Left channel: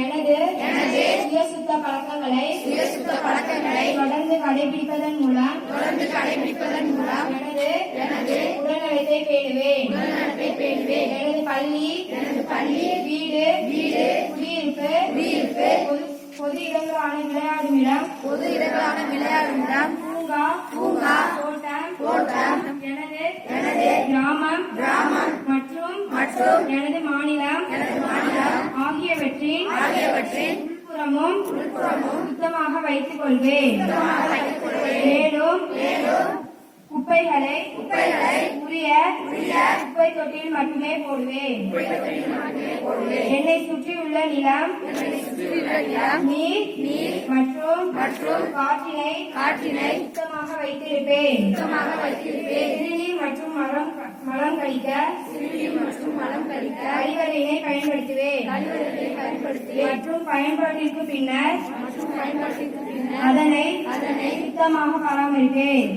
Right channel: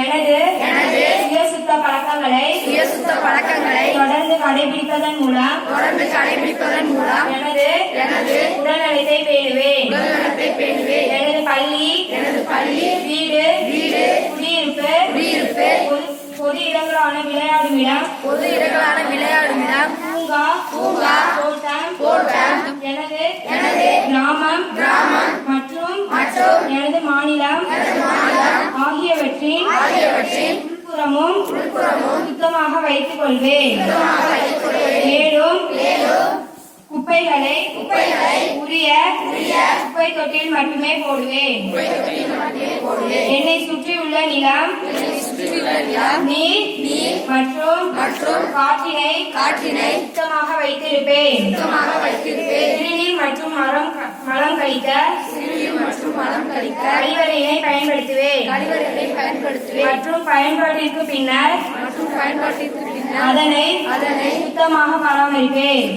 எனது சுயசுத்த பழக்கங்களை தொடர்ந்து கடைபிடிப்பதன் மூலம் எனது உடல்நலத்தை பேணுவேன். எனது பள்ளி வீடு குடியிருப்பு பொது இடங்களான விளையாடும் இடம் பூங்கா தோட்டம் எனது கிராமம் மற்றும் எனது மாநிலம் ஆகியவற்றின் உள்புறமும் சுத்தமாக வைத்துக் கொள்வேன். மேலும் குப்பைகளை உரிய குப்பை தொட்டியில் மட்டுமே போடுவேன். என்னை சுற்றியுள்ள நிலம் நீர் மற்றும் காற்றினை சுத்தமாக வைத்திருப்பேன். சிறுநீர் மற்றும் மலம் கழிக்க கழிவறையை பயன்படுத்துவேன். மற்றும் பயன்பாட்டிற்கு பின்னர் அதனை சுத்தமாக பராமரிப்பேன்.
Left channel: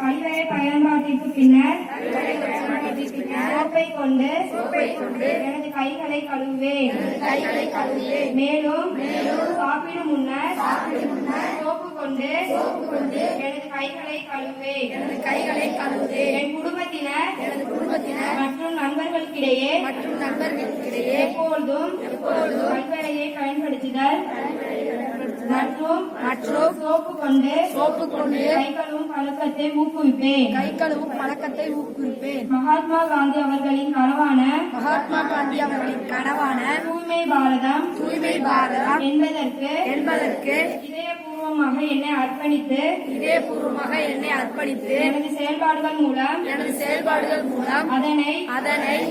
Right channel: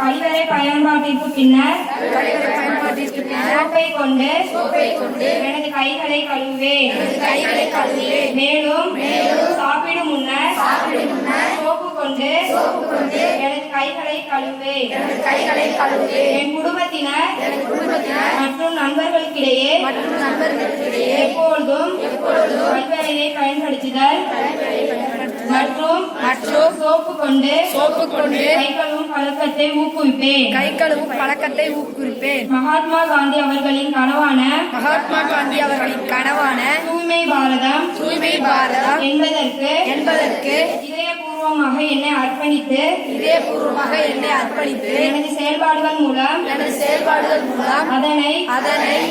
கழிவறை பயன்பாட்டிற்கு பின்னர் சோப்பை கொண்டு எனது கைகளை கழுவுவேன். மேலும் சாப்பிடும் முன்னர் சோப்பு கொண்டு எனது கைகளை கழுவுவேன். என் குடும்பத்தினர் மற்றும் நண்பர்களுக்கிடையே எப்பொழுதும் கழிவறையை பயன்படுத்துதல் மற்றும் சோப்பு கொண்டு கை கழுவும் பழக்கத்தை ஊக்குவிப்பேன். மகாத்மா காந்தி அவர்களின் கனவான தூய்மை பாரதம் என்பதற்கு இதயபூர்வமாக என்னை அர்ப்பணித்து எனது செயல்பாடுகள் மூலம் அதனை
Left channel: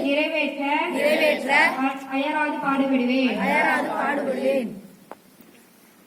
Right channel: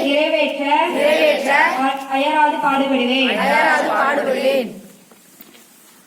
நிறைவேற்ற அயராது பாடுபடுவேன்.